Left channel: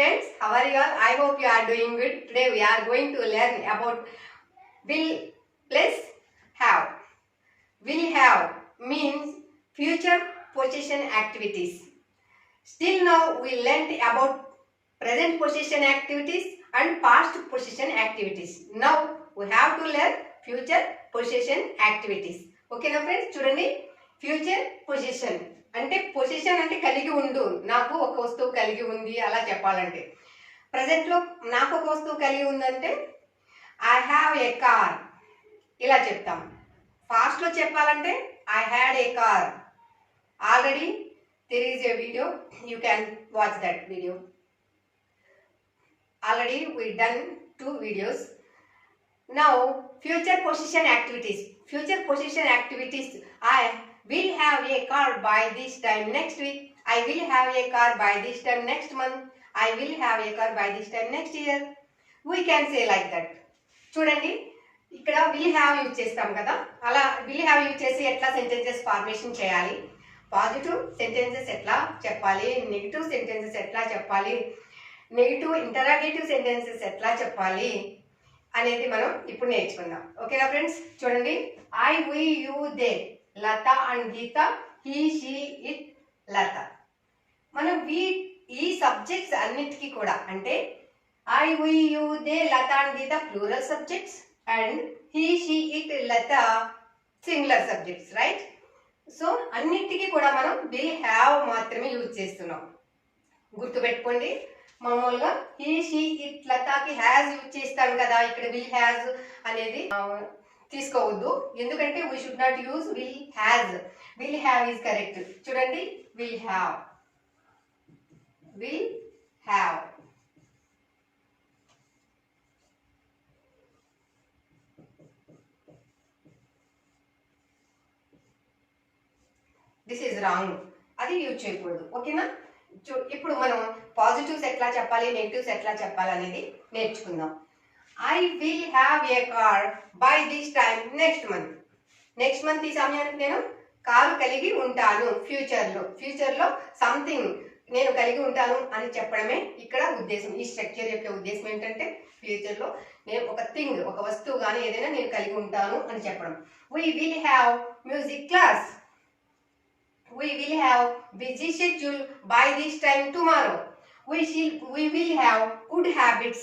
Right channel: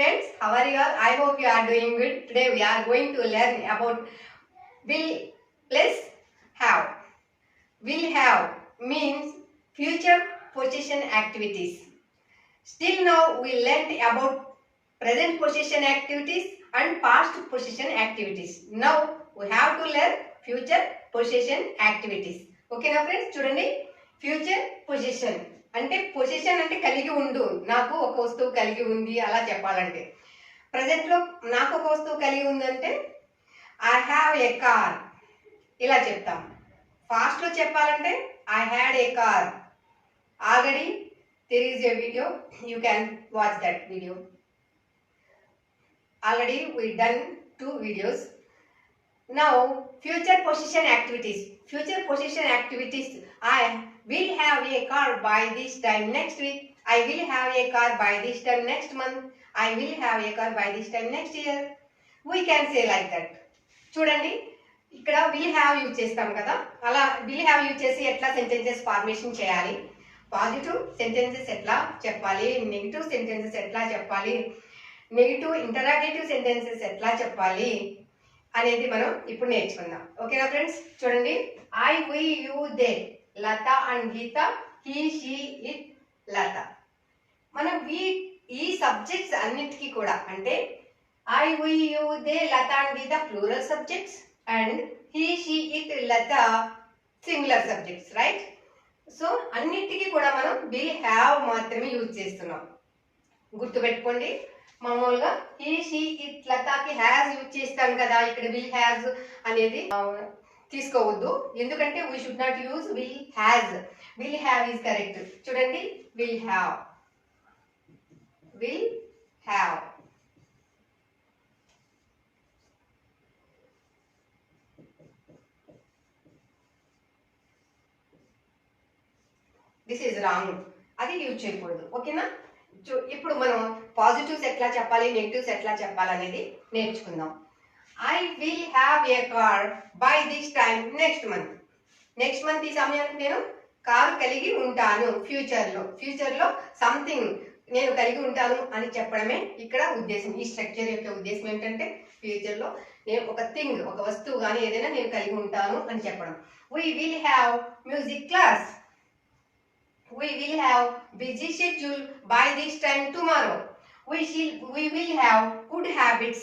friends, how are you all? I hope you are doing good. Today we are going to learn about will plus have. Will have means future possession activities. Still now we learned about present possession activities and past possession activities. Now we have to learn future possession activities. Okay na friends, చూడండి future position అంటే position అంటే కలిగి ఉండు, నాకు ఒక వస్తువు కలిగి ఉంది అలా చెప్పాలంటే. ప్రజెంట్లో నాకు ఒక వస్తువు కలిగి ఉందంటే ఐ హ్యావ్ ఏ కార్ ఇలా చెప్తాం. ఫాస్ట్లో చెప్పాలంటే I had a car. Already there is a video, you can watch that video. Already we done 2 videos. Now future possession activities. Future possession activities. I will have a car by this time next week. I will have a car by this time next month. I will have a car by this time next year. We can say like that. చూడండి ఇక్కడ will have use చేస్తాం కదా, అలా will have use చేసి ఎట్లా sentences formation చేయాలి, positive sentences ఎట్లా చెప్పాలి, నెగిటివ్ సెంటెన్సెస్ ఎట్లా చెప్పాలి, నెగిటివ్ ఇంటరాగేటివ్ సెంటెన్సెస్ ఎట్లా చెప్పాలి అనేది మనం ఇప్పుడు నేర్చుకుందాం. ఓకేనా ఫ్రెండ్స్? చూడండి I we you they, Lata and Geeta, he she it Lata. మనం ఈ సబ్జెక్ట్స్ అన్నిటికీ కూడా అంటే I we you they Lata and Geeta plural subjects and he she it Lata singular subjects, right? So అన్నిటికీ కూడా మనం విల్ హ్యావ్ మాత్రమే యూజ్ చేస్తున్నాం. గుర్తుపెట్టుకోండి, మామూలుగా హీ షీ ఇట్ లతాకి హ్యాజ్ యూజ్ చేస్తాం కదా, ఇక్కడ విల్ హ్యాజ్ అనేది తీసుకోవద్దు. ఎందుకంటే we should not use will has. Will have is correct. చూడండి will have, will have. This is wrong, అది యూజ్ చేయకూడదు. ఓకేనా? ఇప్పుడు మనం పాజిటివ్స్ ఎట్లా చెప్పాలి, నెగిటివ్స్ ఎట్లా చెప్పాలి అనేది నేర్చుకుందాం. I will have a car by this time next month. Next month ఈ సమయానికి నేను కారు కలిగి ఉంటాను. ఫ్యూచర్లో సంథింగ్ నేను కలిగి ఉంటాను అని చెప్పడమే ఇక్కడ ఉద్దేశం. ఈ స్ట్రక్చర్ యొక్క ఉద్దేశం ఏంటంటే ఫ్యూచర్లో నేను ఒక థింగ్, ఒక వస్తువు కానీ ఏదైనా నేను కలిగి ఉంటాను అని చెప్పడం. We will have music class. We will have busy schedule by this time tomorrow. We will have good habits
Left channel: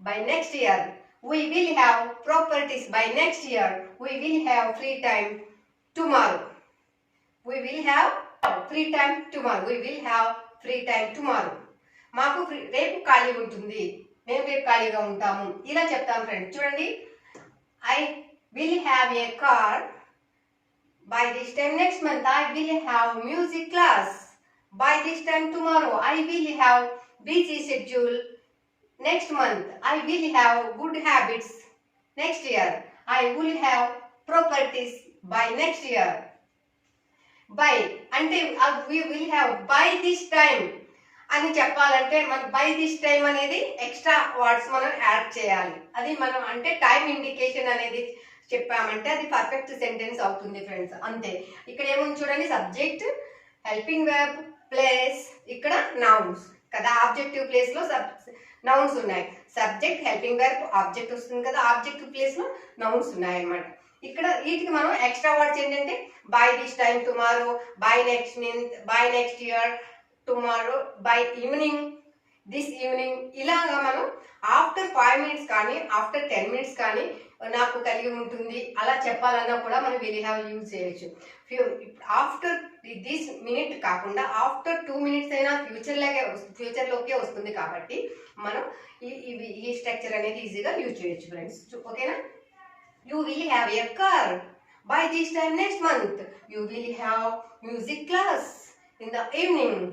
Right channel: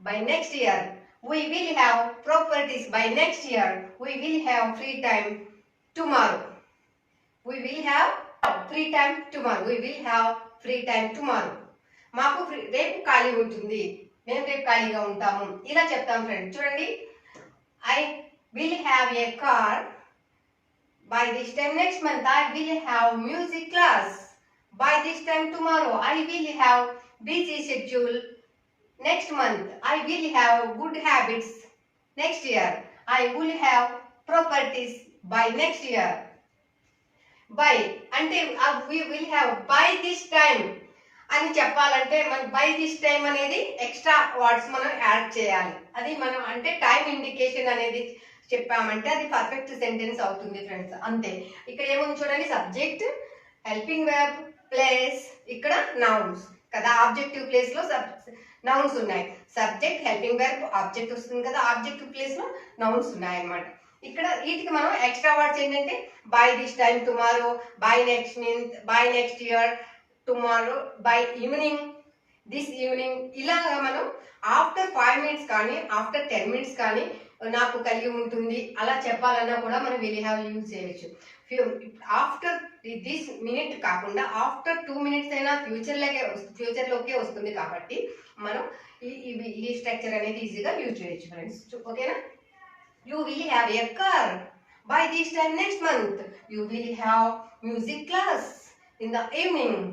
by next year. We will have properties by next year. We will have free time tomorrow. We will have free time tomorrow. We will have free time tomorrow. మాకు రేపు ఖాళీ ఉంటుంది, నేను రేపు ఖాళీగా ఉంటాము ఇలా చెప్తాం ఫ్రెండ్స్. చూడండి I will have a car by this time next month. I will have music class by this time tomorrow. I will have busy schedule next month. I will have good habits next year. I will have properties by next year. By అంటే we will have by this time అని చెప్పాలంటే మనం by this time అనేది extra words మనం add చేయాలి. అది మనం అంటే టైం ఇండికేషన్ అనేది చెప్పామంటే అది పర్ఫెక్ట్ సెంటెన్స్ అవుతుంది ఫ్రెండ్స్. అంతే. ఇక్కడ ఏముంది చూడండి, సబ్జెక్ట్, హెల్పింగ్ వర్బ్, ప్లేస్, ఇక్కడ నౌన్స్ కదా. ఆబ్జెక్టివ్ ప్లేస్ లో నౌన్స్ ఉన్నాయి. సబ్జెక్ట్, హెల్పింగ్ వర్బ్, ఆబ్జెక్ట్ వస్తుంది కదా. ఆబ్జెక్టివ్ ప్లేస్ లో నౌన్స్ ఉన్నాయి అన్నమాట. ఇక్కడ వీటికి మనం ఎక్స్ట్రా వర్డ్స్ ఏంటంటే by this time tomorrow, by next month, by next year, tomorrow, by evening, this evening, ఇలాగా మనం ఆఫ్టర్ 5 minutes కానీ ఆఫ్టర్ 10 minutes కానీ నాకు కలిగి ఉంటుంది అలా చెప్పాలన్నా కూడా మనం విల్ హ్యావ్ యూజ్ చేయొచ్చు. ఆఫ్టర్ దిస్ మినిట్ కాకుండా ఆఫ్టర్ 2 minutes అయినా ఫ్యూచర్లోకే వస్తుంది కాబట్టి మనం ఈ స్ట్రక్చర్ అనేది ఈజీగా యూజ్ చేయొచ్చు ఫ్రెండ్స్. ఓకేనా? You will have a car by this time next month. You will have music class in the evening,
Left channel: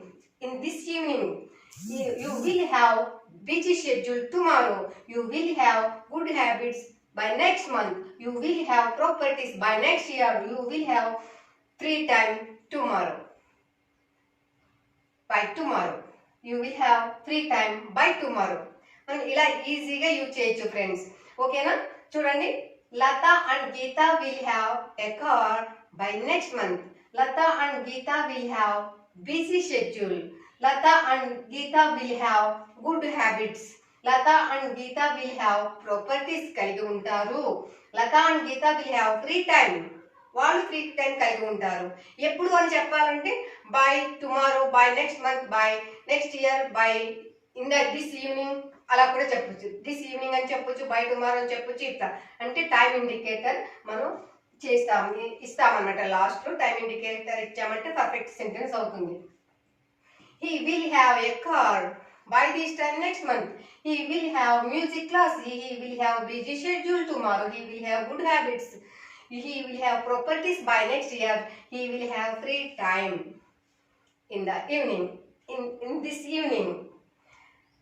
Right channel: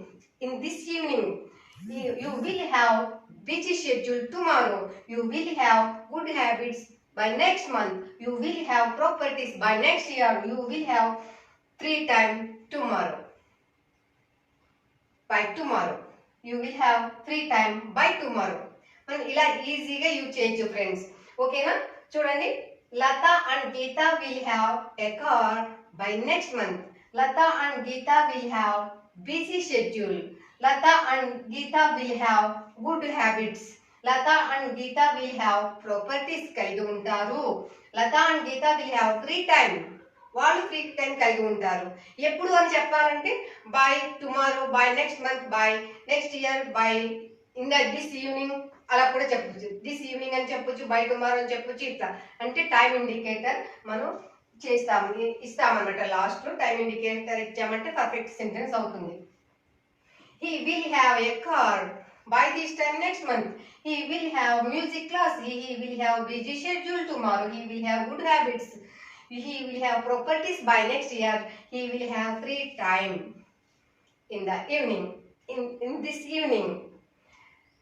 in this evening. You will have busy schedule tomorrow. You will have good habits by next month. You will have properties by next year. You will have free time tomorrow. By tomorrow. You will have free time by tomorrow. మనం ఇలా ఈజీగా use చేయొచ్చు friends. ఓకేనా? చూడండి Lata and Geeta will have a car by next month. Lata and Geeta will have busy schedule. Lata and Geeta will have good habits. Lata and Geeta will have properties కలిగి ఉంటారు. Lata and Geeta will have free time. వాళ్ళు free time కలిగి ఉంటారు. ఎప్పుడు అని చెప్పాలంటే by tomorrow, by next month, by next year, by in this evening అలా కూడా చెప్పొచ్చు. దిస్ ఈవినింగ్ అని చెప్పొచ్చు, బై టుమారో అని చెప్పొచ్చు. ఇట్లా అంటే టైం ఇండికేటర్ మనం ఇస్తామన్నమాట. లాస్ట్ లో టైం ఇండికేటర్ ఇచ్చామంటే పర్ఫెక్ట్ సెంటెన్స్ అవుతుంది. He will have a car by this time next month. He will have music class. He will have busy schedule tomorrow. He will have good habits. He will have properties by next year. He will have free time in the evening. In this evening,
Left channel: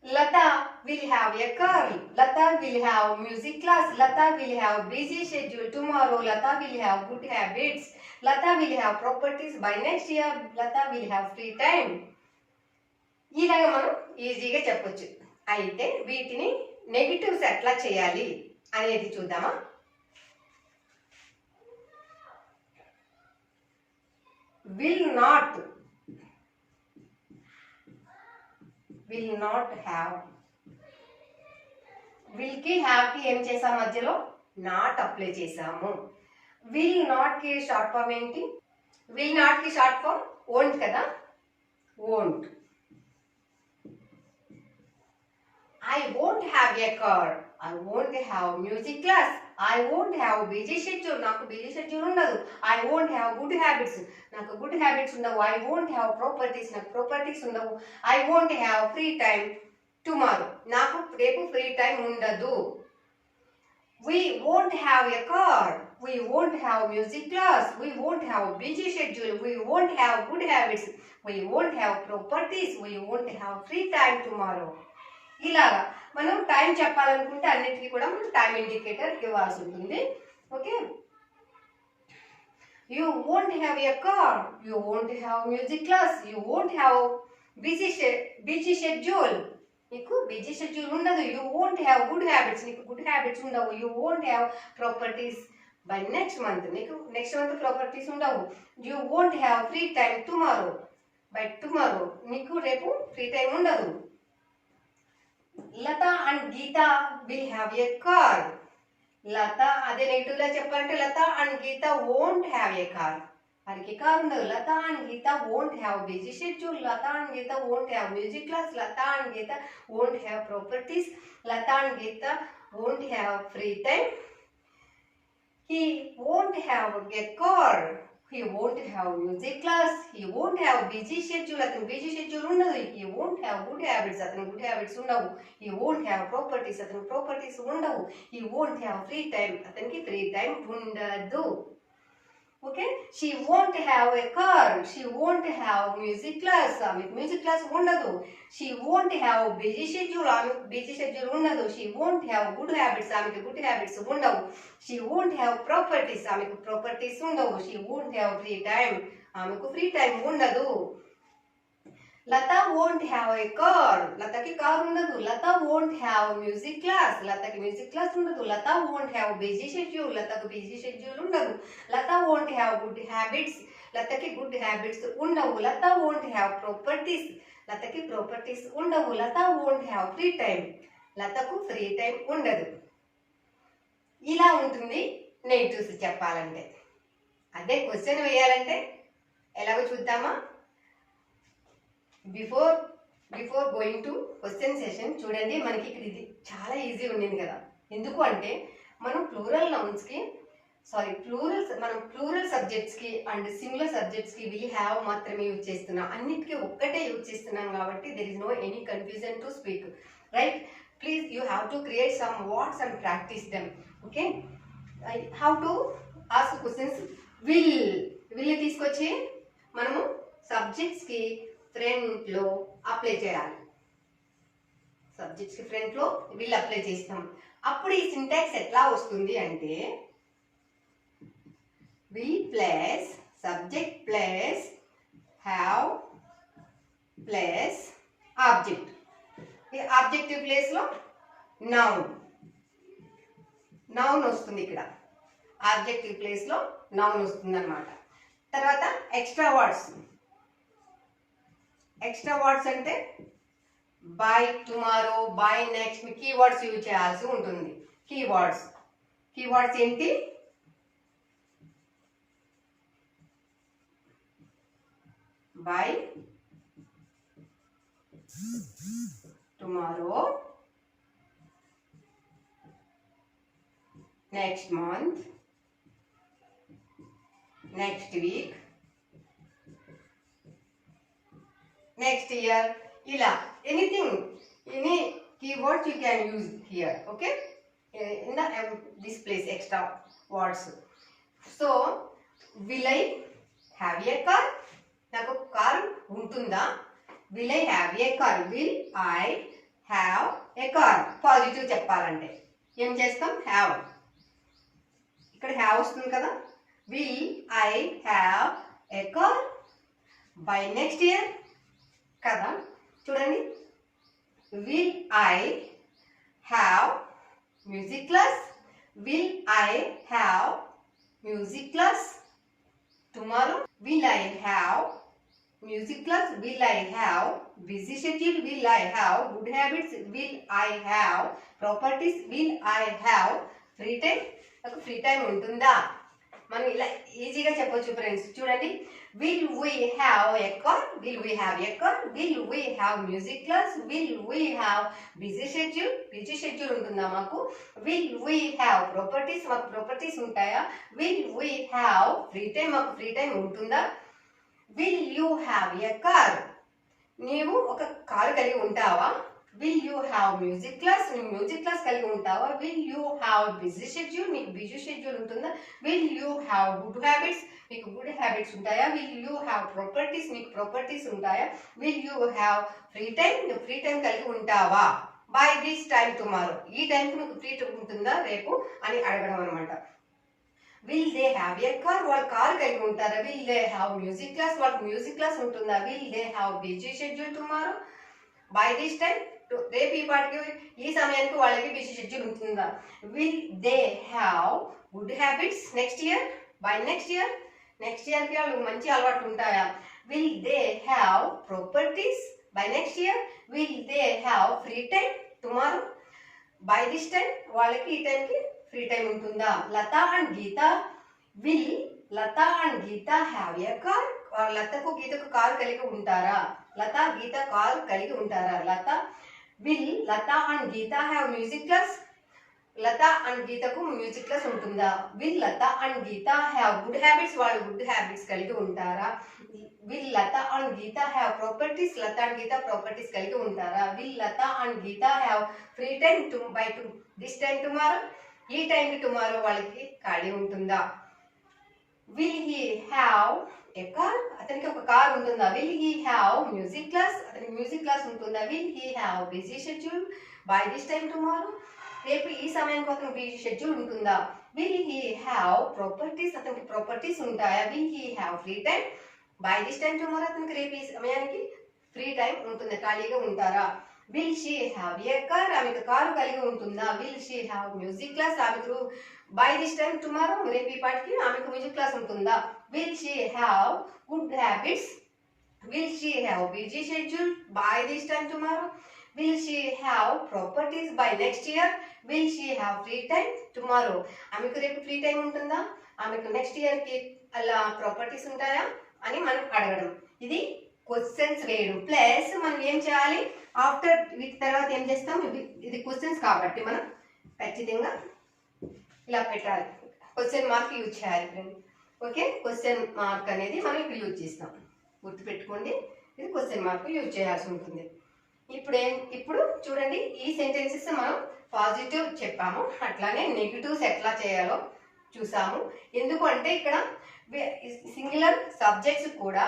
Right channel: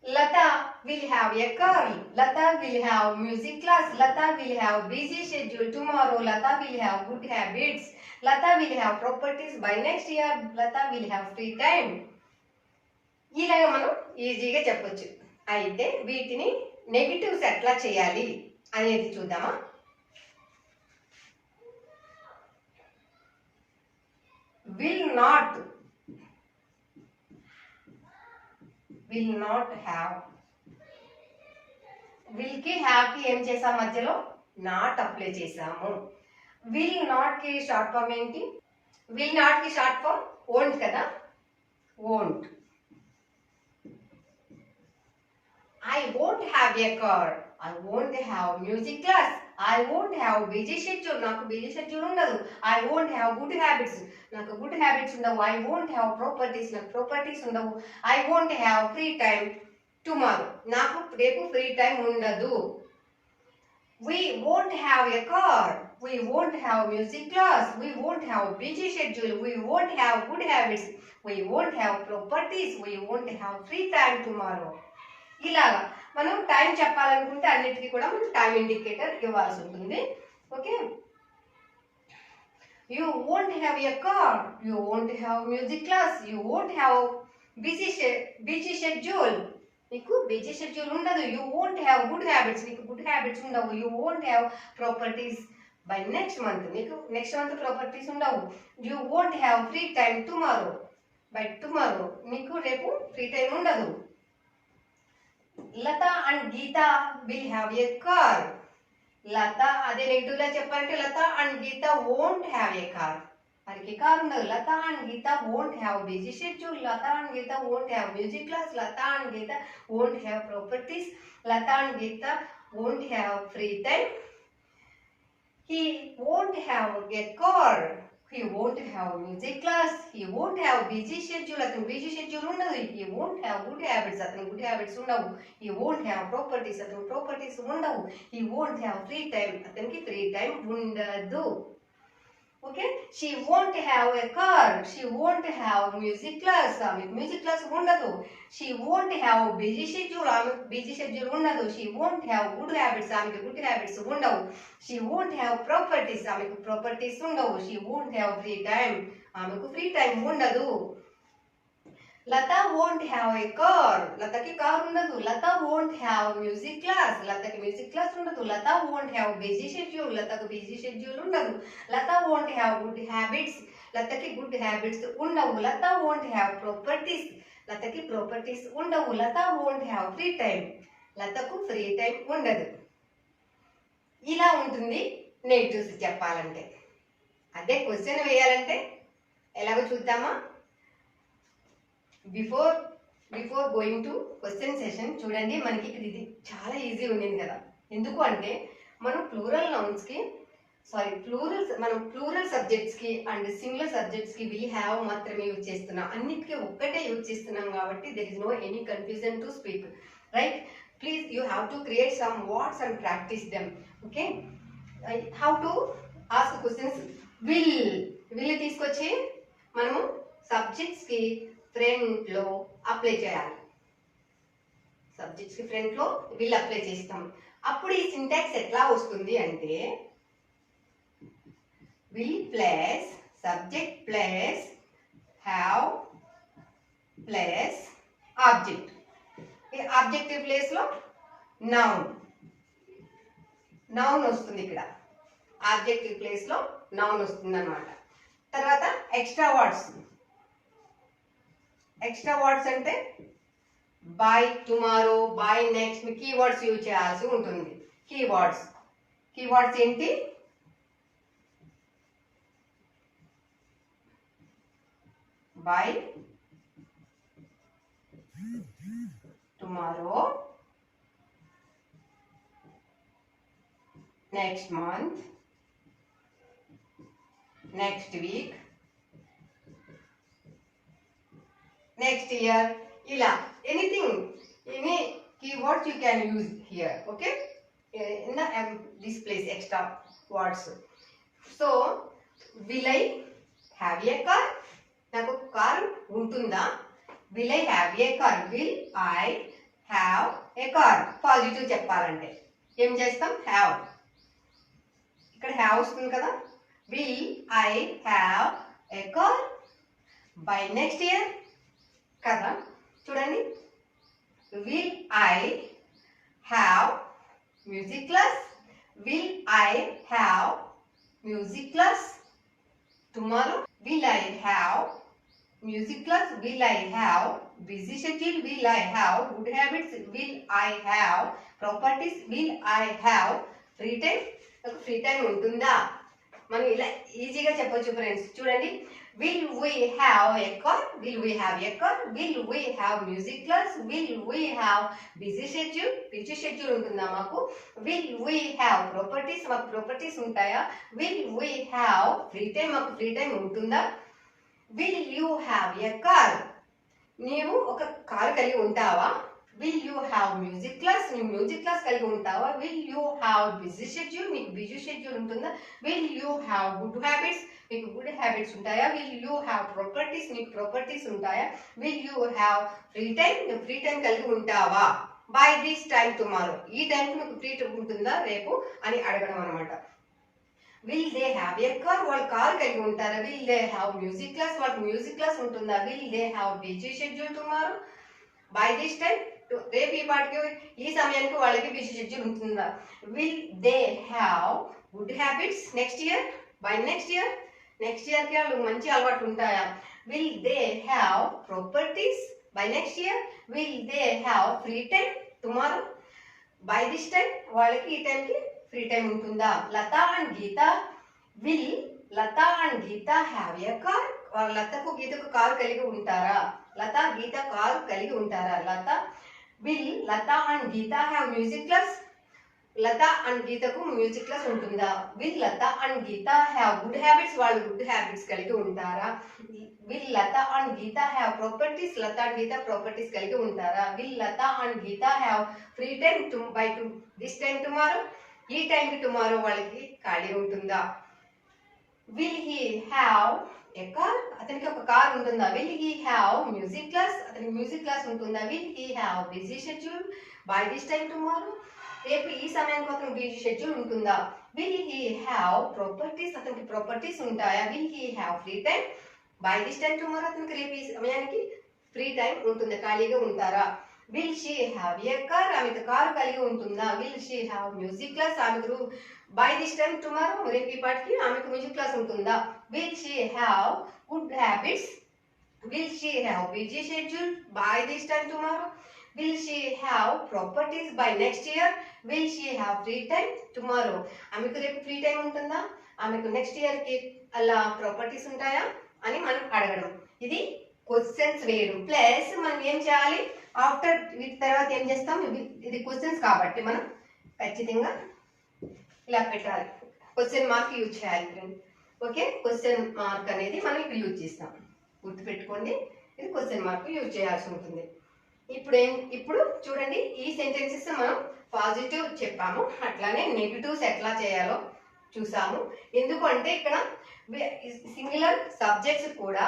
Lata will have a car. Lata will have music class. Lata will have busy schedule tomorrow. Lata will have good habits. Lata will have properties by next year. Lata will have free time. ఇలాగ మనం ఈజీగా చెప్పొచ్చు. అయితే వీటిని negatives ఎట్లా చేయాలి అనేది చూద్దామా. will not have. will కి have కి ఏం చేసాం, మధ్యలో నాట్ అప్లై చేసాము. will not కి షార్ట్ ఫామ్ ఏంటి? will not కి షార్ట్ ఫామ్ won't కదా, won't. I won't have a car. I won't have music class. I won't have busy schedule. నాకు బిజీ షెడ్యూల్ ఉండదు. I won't have good habits. నాకు good habits ఉండవు. I won't have properties. నాకు properties ఉండవు. I won't have free time tomorrow. నాకు రేపు free time ఉండదు. We won't have a car. We won't have music class. We won't have busy schedule. We won't have good habits. We won't have properties. We won't have free time tomorrow. ఇలాగా మనం time చెప్పాలనుకుంటే అన్నిటికీ కూడా మనం time indicator ఇవ్వాల్సి ఉంటుంది. Okay, you won't have a car, you won't have music class, you won't have busy schedule. నీకు busy schedule ఉండదు. You won't have good habits. నీకు గుడ్ హ్యాబిట్స్ ఉండవు. You won't have properties by next month. నీకు next month properties ఉండవు. You won't have free time tomorrow. By tomorrow నీకు రేపు free time ఉండదు. Lata and Geeta will have a car. Lata అదే negative గా చెప్పాలంటే Lata and Geeta won't have a car. వారికి car ఉండదు. Lata and Geeta won't have busy schedule. Lata and Geeta won't have music class. Lata and Geeta won't have properties. Lata and Geeta won't have free time. He won't have a car. He won't have music class. He won't have busy schedule. అతను busy schedule ఉండదు. He won't have good habits. అతను good habits ఉండవు. He won't have properties. అతను properties ఉండవు. He won't have free time. అతనికి free time ఉండదు. Okay, she won't have a car. She won't have music class. ఆమెకు music class ఉండదు. She won't have busy schedule. ఆమెకు busy schedule ఉండదు. She won't have good habits. ఆమెకు good habits ఉండవు. She won't have properties. ఆమెకు properties ఉండవు. She won't have free time. ఆమెకు free time ఉండదు. Lata won't have a car. లతకి car ఉండదు. Lata won't have music class. లతకి మ్యూజిక్ క్లాస్ ఉండదు. Lata won't have busy schedule. లతకు బిజీ షెడ్యూల్ ఉండదు. Lata won't have good habits. లతకి good habits ఉండవు. Lata won't have properties. లతకి properties ఉండవు. Lata won't have free time. లతకు free time ఉండదు. ఇలా ఉంటుంది నెగిటివ్స్ చెప్పాలంటే. అదే క్వశ్చన్ వేయాలంటే ఎలాగో చూద్దామా. Before going to question session చూడండి, మనకి ఇక్కడ ఇది చాలా ఈజీ ఉండింది కదా. ఎందుకు అంటే మనం ప్లూరల్ సబ్జెక్ట్స్కి అండ్ సింగులర్ సబ్జెక్ట్స్కి విల్ హ్యావ్ మాత్రమే యూజ్ చేస్తున్నాం. అన్నిటికీ ఒక్కటే యూజ్ చేస్తున్నాం కాబట్టి there is no any confusion to speak, right? Please you have to create some words and practice them. Okay, how to ask questions. Will తీసుకొచ్చి మనము సబ్జెక్ట్స్కి ఫ్రంట్లో అప్లై చేయాలి. సబ్జెక్ట్స్కి ఫ్రంట్లో విల్ అప్లై చేస్తాం. అప్పుడు ఈ సింటాక్స్ ఎట్లా వస్తుంది అంటే will plus subject plus have plus object. ఈ ఆబ్జెక్టివ్ ప్లేస్లో నౌన్ వస్తుంది. ఇక్కడ ఆబ్జెక్టివ్ ప్లేస్లో నౌన్ వస్తుంది అన్నమాట. తర్వాత ఎక్స్ట్రా వర్డ్స్ ఎక్స్ట్రా వర్డ్స్ అంటే by tomorrow, by next, me keywords use చేయాల్సి ఉంటుంది. కీవర్డ్స్ ఏంటి? By tomorrow, next month, next week, next year, ఇలా any keywords you can use here, okay, in the this place, extra words. So will I have a car? నాకు car ఉంటుందా? will I have a car? will I have a car? Positive చెప్పాలంటే ఏం చేస్తాం? have. ఇక్కడ have వస్తుంది కదా. will I have a car by next year కదా. చూడండి, will I have music class? will I have music class tomorrow? will I have music class? will I have busy schedule? will I have good habits? will I have properties? will I have free time? నాకు free time ఉంటుందా? మనం ఇలా ఈజీగా చెప్పొచ్చు friends. చూడండి, will we have a car? will we have a car? will we have music class? will we have busy schedule ఉంటుందా మాకు? will we have properties? మాకు ప్రాపర్టీస్ ఉంటాయా? will we have free time? మాకు free time ఉంటుందా? will you have a car? నీవు ఒక car కలిగి ఉంటావా? will you have music class? నువ్వు మ్యూజిక్ క్లాస్ కలిగి ఉంటావా? will you have busy schedule? మీకు బిజీ షెడ్యూల్ ఉంటుందా? will you have good habits? మీకు గుడ్ హ్యాబిట్స్ ఉంటాయా? will you have properties? మీకు ప్రాపర్టీస్ ఉంటాయా? will you have free time? నువ్వు ఫ్రీ టైం కలిగి ఉంటావా? by this time tomorrow, ఈ టైంకి మీకు ఫ్రీ టైం ఉంటుందా రేపు అని అడగడం అనమాట. will they have a car? వాళ్ళు కార్ కలిగి ఉంటారా? will they have music class? వాళ్ళకి మ్యూజిక్ క్లాస్ ఉంటుందా? will they have busy schedule tomorrow? by this time, రేపు ఈ పాటికి ఈ సమయానికి వాళ్ళకి బిజీ షెడ్యూల్ ఉంటుందా? will they have good habits next year? by next year కి వాళ్ళు మంచి అలవాట్లు ఉంటాయా? will they have properties by next year? will they have free time tomorrow? by this time, వాళ్ళకి ఈ టైంకి ఫ్రీ టైం ఉంటుందా? Lata and Geeta, will Lata and Geeta have a car? లతకు గీతకు కారు కలిగి ఉంటారా? లత గీత కారు కలిగి ఉంటారా? Lata will Lata and Geeta have music class? Lata and గీతకు మ్యూజిక్ క్లాస్ ఉంటుందా? will Lata and Geeta have good habits? వాళ్ళు గుడ్ హ్యాబిట్స్ కలిగి ఉంటారా? will Lata and Geeta have properties? Lata and Geeta properties కలిగి ఉంటారా? will Lata and Geeta have free time by this time tomorrow? ఈ టైంకి టుమారో వాళ్ళకి ఖాళీ ఉంటుందా? will he have a car? అతనికి ఒక కార్ ఉంటుందా? will he have music class? అతనికి మ్యూజిక్ క్లాస్ ఉంటుందా? will he have busy schedule by this time tomorrow? రేపు ఈ సమయానికి అతనికి బిజీ షెడ్యూల్ ఉంటుందా? will he have properties? అతనికి ప్రాపర్టీస్ ఉంటాయా? will he have free time by this time tomorrow? అతనికి రేపు ఈ సమయానికి ఫ్రీ టైం ఉంటుంది, ఖాళీగా ఉంటారా? will she have a car? ఆమెకు కారు కలిగి ఉంటుందా? will she have music class? ఆమెకు by this time tomorrow, రేపు ఈ పాటికి ఆమెకు మ్యూజిక్ క్లాస్ ఉంటుందా? will she have good habits? will she have busy schedule by this time tomorrow? will she have properties by next year? will she have free time tomorrow? ఆమెకు రేపు free time ఉంటుందా? ఆమెకు next year కి అలా properties ఉంటాయా అని మనం అడగడం. ఇది క్వశ్చన్స్ వేయడం. ప్లస్ మనం ఏం చేయాలి? ఆఫ్టర్ వీటి తర్వాత ఏం చేస్తాం? ఇది క్వశ్చన్స్ కాబట్టి మనం ఖచ్చితంగా ఇలా పెట్టాలి, క్వశ్చన్ మార్క్ యూజ్ చేయాలి ఫ్రెండ్. ఓకే, క్వశ్చన్ మార్క్ అనేది మనం ఇప్పుడు యూజ్ చేస్తాం, గుర్తుపెట్టుకోండి. ఇది క్వశ్చన్ మార్క్ యూజ్ చేయాల్సి ఉంటుంది. ఇప్పుడు చూడండి, ఈ సెంటెన్సెస్ మనం పాజిటివ్ చెప్పాము, అట్లానే నెగిటివ్స్ ఎట్లా చేయాలో చూసాము. ఎందుకు అంటే ఇక్కడ సింగులర్ సబ్జెక్ట్స్ కూడా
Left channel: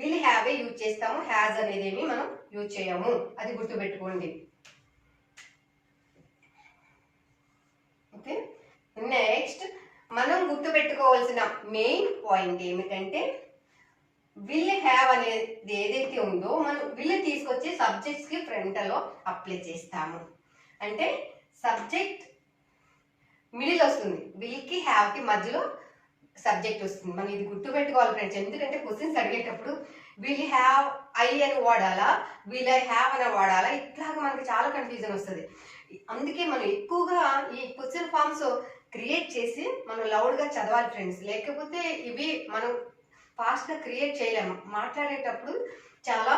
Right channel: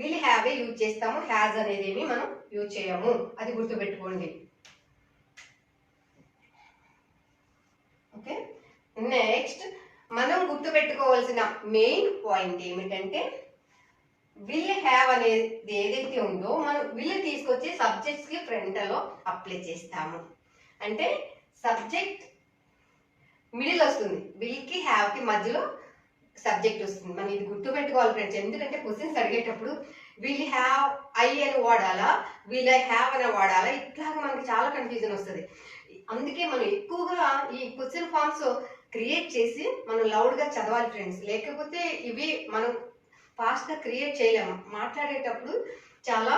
విల్ హ్యావ్ యూజ్ చేస్తాము, హ్యాజ్ అనేది ఏమి మనం యూజ్ చేయము, అది గుర్తుపెట్టుకోండి. ఓకే, నెక్స్ట్ మనం గుర్తుపెట్టుకోవాల్సిన మెయిన్ పాయింట్ ఏమిటంటే విల్ హ్యావ్ అనేది ఏదైతే ఉందో మనం విల్ తీసుకొచ్చి సబ్జెక్ట్స్ కి ఫ్రంట్ లో అప్లై చేస్తాము. అంటే సబ్జెక్ట్ మిడిల్ వస్తుంది, విల్ కి హ్యావ్ కి మధ్యలో సబ్జెక్ట్ వస్తుంది. మనం ఇది గుర్తుపెట్టుకోవాలి ఫ్రెండ్స్. ఎందుకంటే క్వశ్చన్స్ అడిగేటప్పుడు విల్ హ్యావ్ ఐ అని వాడాలా, విల్ ఐ హ్యావ్ అని వాడాలా, ఇట్లాగా మనకి చాలా కన్ఫ్యూజన్ వస్తుంది. అందుకే మనం ఎక్కువగా ఈ క్వశ్చన్ ఫామ్స్ క్రియేట్ చేసి మనం లౌడ్గా చదవాలి ఫ్రెండ్స్. లేకపోతే ఇవి మనం ఫాస్ట్గా క్రియేట్ చేయలేము. మాట్లాడేటప్పుడు చాలా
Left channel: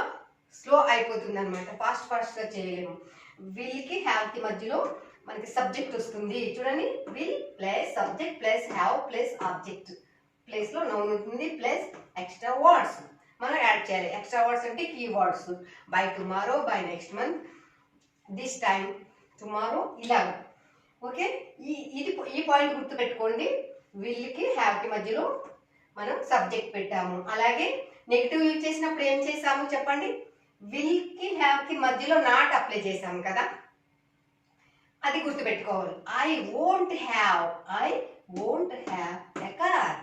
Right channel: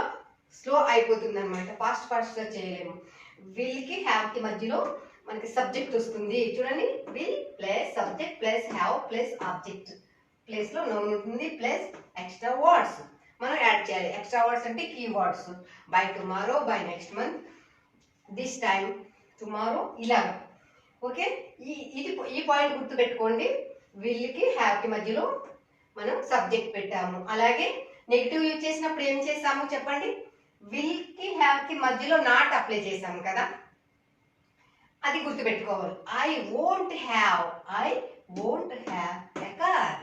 స్లో అయిపోతుంది అనమాట, ఫాస్ట్గా చేయలేము. విల్కి హ్యావ్కి మధ్యలో మనకి సబ్జెక్ట్ వస్తుంది. చూడండి, will plus subject plus have plus object, ప్లేస్లో నౌన్ ఉంటుంది ప్లస్ ఎక్స్ట్రా వర్డ్స్ మనం యాడ్ చేయాలి. ఎక్స్ట్రా వర్డ్స్ అంటే key words. By tomorrow, by next month, this time, tomorrow, ఇలాగా. ఓకే, ఈ పాయింట్ గుర్తుపెట్టుకోండి. విల్కి హ్యావ్కి మధ్యలో మనం సబ్జెక్ట్ పెట్టాము. అలాగే నెగిటివ్ యూజ్ చేసినప్పుడు ఏం చేసాము చెప్పండి? విల్కి హ్యావ్కి మధ్యలో నాట్ అప్లై చేసాము కదా, అది గుర్తుపెట్టుకోవాలి. I won't have a car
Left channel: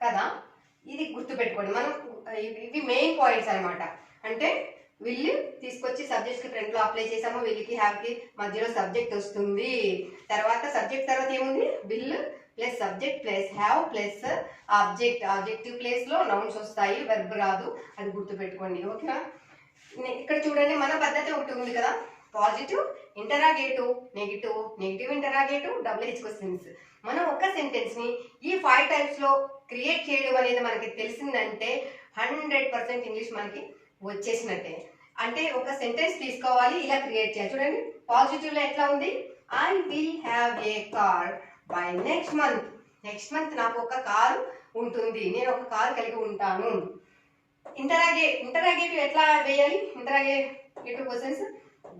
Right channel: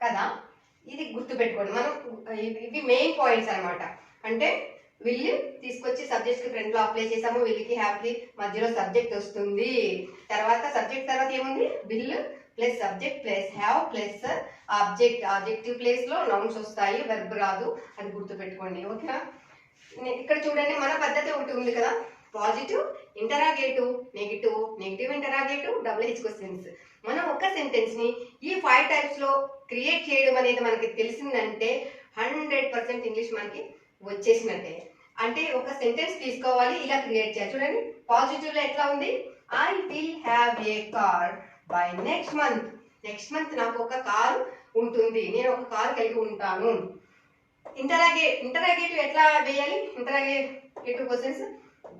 కదా, ఇది గుర్తుపెట్టుకోండి. మనం ఇవి మెయిన్ పాయింట్స్ అనమాట. అంటే విల్ తీసుకొచ్చి సబ్జెక్ట్ కి ఫ్రంట్ లో అప్లై చేసాము, విల్కి హ్యావ్కి మధ్యలో సబ్జెక్ట్ వస్తుంది. తర్వాత సబ్జెక్ట్ తర్వాత ఏముంది? Will plus subject plus have plus object, objective place లో నౌన్స్ వస్తాయి, వెర్బ్ రాదు, అది గుర్తుపెట్టుకోండి. ఓకేనా? ఇక్కడ చూడండి, మన పద్ధతి ఒకటి ఉంది కదా, positive interrogative, negative interrogative, double-H questions. మనం ఒక సెంటెన్స్ ని ఈ 5 టైప్స్ లో క్రియేట్ చేయడం అనేది మనకి తెలిసిందంటే 100% ఇంగ్లీష్ మనకి వచ్చేసినట్టే. అంటే ఒక సెంటెన్స్ తీసుకోవాలి, ఇలా క్రియేట్ చేయాలి. చూడండి, పాజిటివ్ లో ఎట్లా ఉంది? I will have a car by next month. Next month నాకు ఒక కారు ఉంటుంది, నేను ఒక కారు కలిగి ఉంటాను. ఇంటరాగేటివ్ ఎట్లా వేయాలి? Interrogative questions,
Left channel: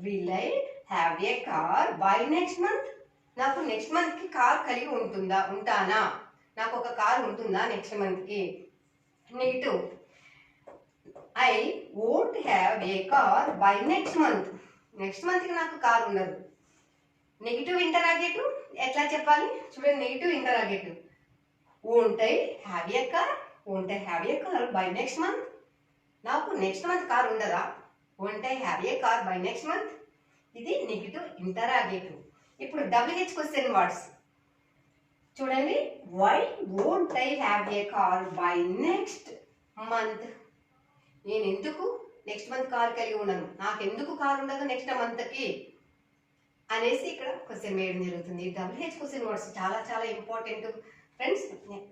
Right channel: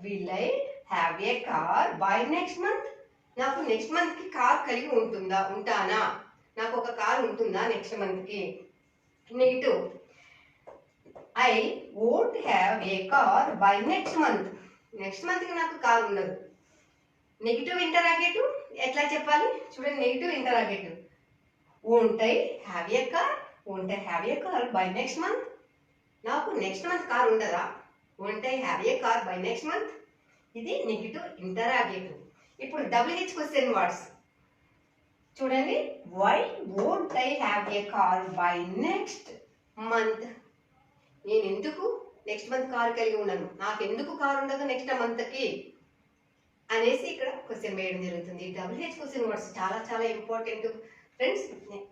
will I have a car by next month. నాకు నెక్స్ట్ మంత్ కి కార్ కలిగి ఉంటానా? నాకు ఒక కార్ ఉంటుందా నెక్స్ట్ మంత్ కి? Negative, I won't have a car by next month. Next month కి నాకు కార్ ఉండదు. నెగిటివ్ ఇంటరాగేటివ్ ఎట్లా చెప్పాలి? చూడండి, negative interrogative, won't I have a car by next month. నాకు నెక్స్ట్ మంత్ కార్ ఉండదా? Won't I have a car by next month. ఇది negative interrogative. ఇప్పుడు డబుల్-హెచ్ క్వశ్చన్ వర్డ్స్ చూడండి, why won't I have a car by next month. నేను ఎందుకు next month car కలిగి ఉన్నాను, నాకు ఎందుకు కార్ ఉండదు నెక్స్ట్ మంత్ కి అనేసి ఇక్కడ క్వశ్చన్ వేయడం జరుగుతుంది. డబుల్-హెచ్ క్వశ్చన్ వర్డ్స్ చాలా చాలా ఇంపార్టెంట్ ఫ్రెండ్స్.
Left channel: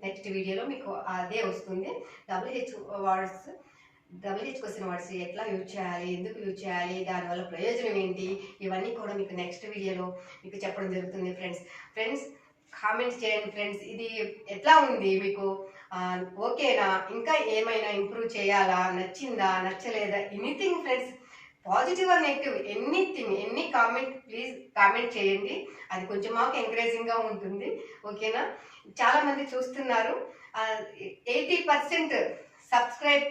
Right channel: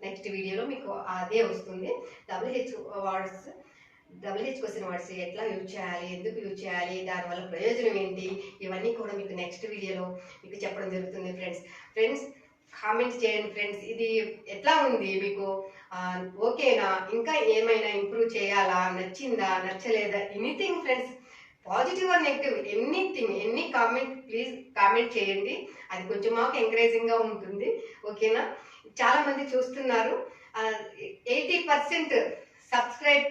నెక్స్ట్ వీడియోలో మీకు అదే వస్తుంది. డబుల్-హెచ్ క్వశ్చన్ వర్డ్స్ ఎట్లా యూజ్ చేయాలి, ఎందుకు యూజ్ చేయాలి, దానివల్ల ప్రయోజనం ఏంటి, ఇవన్నీ కూడా మీకు నెక్స్ట్ వీడియోలో మీకు చెప్పడం జరుగుతుంది ఫ్రెండ్స్. కామెంట్స్ చేయండి ఫ్రెండ్స్, ఇది ఎట్లా ఉంది మీకు, ఓకేనా, ఇంకా ఏమైనా ఇంప్రూవ్ చేయాలా, నచ్చిందా, నచ్చలేదా, anything friends, positive or negative, any comment please comment చేయండి. అది కొంచెం మాకు ఎంకరేజింగ్గా ఉంటుంది. ఓకేనా? చాలా మంది చూస్తున్నారు, 80% సబ్స్క్రైబ్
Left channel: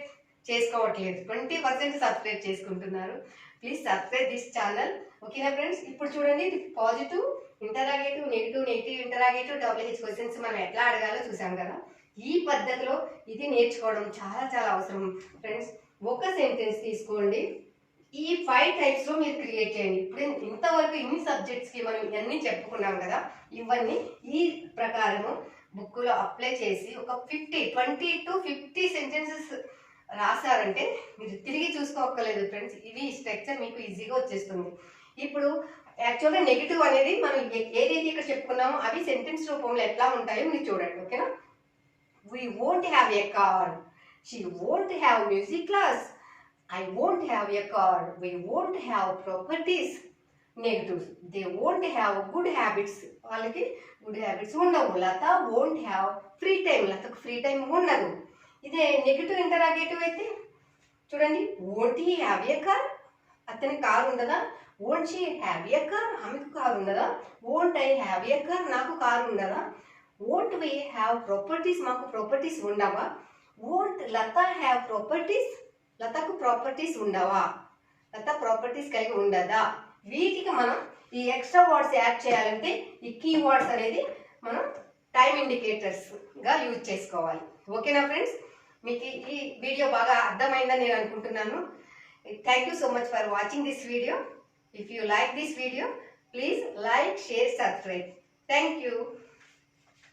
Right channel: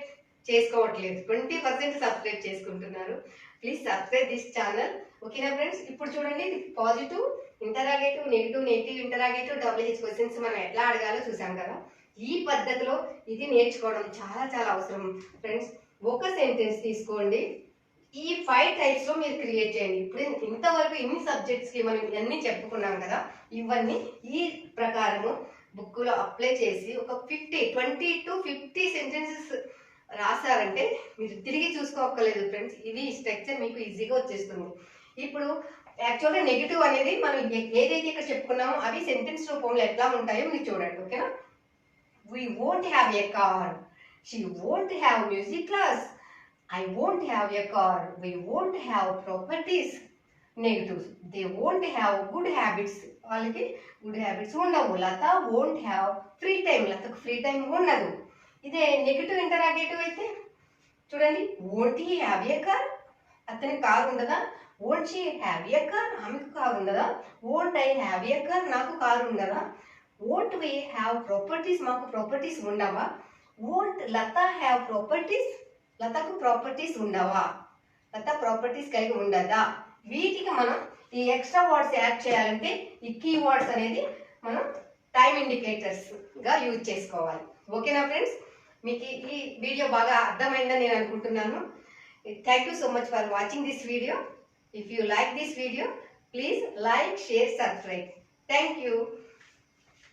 చేసుకోవట్లేదు, 20% సబ్స్క్రైబ్ చేసుకుంటున్నారు. Please subscribe this channel. ఓకేనా ఫ్రెండ్స్? ఇప్పుడు చూడండి, positive interrogative, negative interrogative, double-H questions మనం ఎట్లా అడగాలో చూసాం కదా. ఈ పద్ధతిలో ఇది నేర్చుకోవడం చాలా చాలా అవసరం ఫ్రెండ్స్. ఒక సెంటెన్స్ తీసుకోండి, ఈ 5 టైప్స్ లో మీరు క్రియేట్ చేయండి. ఇప్పుడు ఇంతవరకు ఇన్ని సబ్జెక్ట్స్ కి మనం ఇవన్నీ చెప్పుకున్నాం కదా, ఇవన్నీ ఈ ప్రకారము బుక్ లో అప్లై చేసి ఒక 20 to 50 సెంటెన్సెస్ రాశారంటే మీరు తిరిగి చూసుకోక్కర్లేదు ఫ్రెండ్స్. ఇది స్ట్రక్చర్ మీకు ఈజీగా వచ్చేస్తుంది. ఇప్పుడు యాక్చువల్గా నెగిటివ్ అనేది మనం ఏదైతే ఇక్కడ చెప్పుకున్నామో అవి సెంటెన్స్ రూపంలో ఎట్లా ఉంటాయో మీరు చూడండి. ఓకేనా? We won't have a car, she won't have music class, I won't have a car, we won't have properties. Negatives, they won't have good habits, వాళ్ళకి గుడ్ హ్యాబిట్స్ ఉండవు. Lata won't have free time, లతకు free time ఉండదు. ఇదే negative interrogative అయితే చూడండి, won't he have a car, అతనికి car ఉండదా? won't she have a car, ఆమెకు కారు ఉండదా? won't I have a car, నాకు కారు ఉండదా? won't we have properties, మాకు ప్రాపర్టీస్ ఉండవా? won't లత have properties, లతకు ప్రాపర్టీస్ ఉండవా? లత ప్రాపర్టీస్ కలిగి ఉండదా? వీటికి మనం ఈ ఎక్స్ట్రా వర్డ్స్ యాడ్ చేయాలంటే ఈ కీ వర్డ్స్ అనేది మనం టైం ఇండికేటర్స్ గా యూజ్ చేసుకోవాలి. ఓకేనా ఫ్రెండ్స్? మీకు ఈ వీడియో బాగా అర్థమైందని నేను అనుకుంటున్నాను. Thank you so much for watching this video. If you like this video, please like, share, subscribe. Thank you.